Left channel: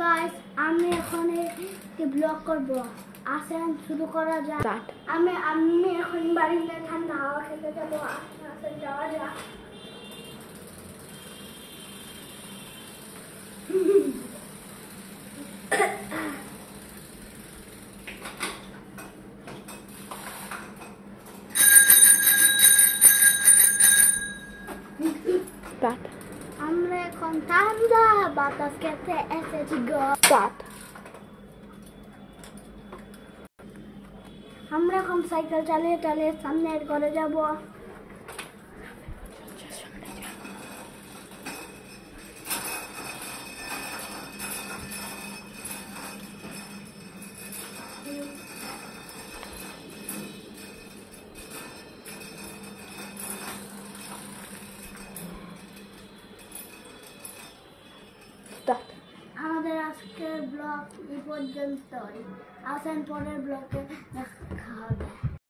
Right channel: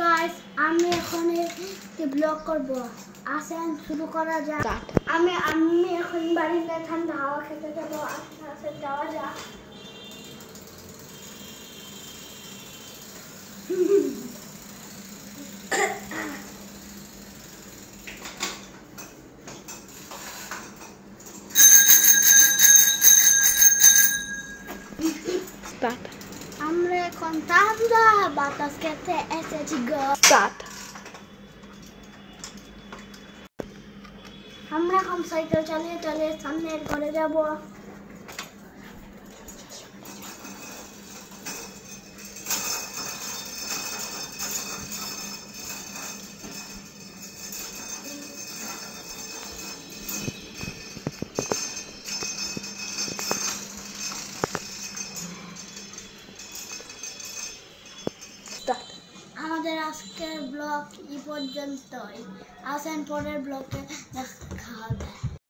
গাইস, আমি এখন একটি ব্লগ করব। আসেন শুরু করা যাক। আমি এখন বাড়িতে ঠান্ডা হাওয়া খেতে যাবো। আসেন যাওয়া যাক। আমরা এখন ঠান্ডা বাতাস খেতে এসেছি গো। আমরা এখন সাইকেল চালিয়ে চালিয়ে সামনের ঘরে যাব। আমাদের আজকের ব্লগ এই পর্যন্তই। আসেন পরের ব্লগে দেখা হবে।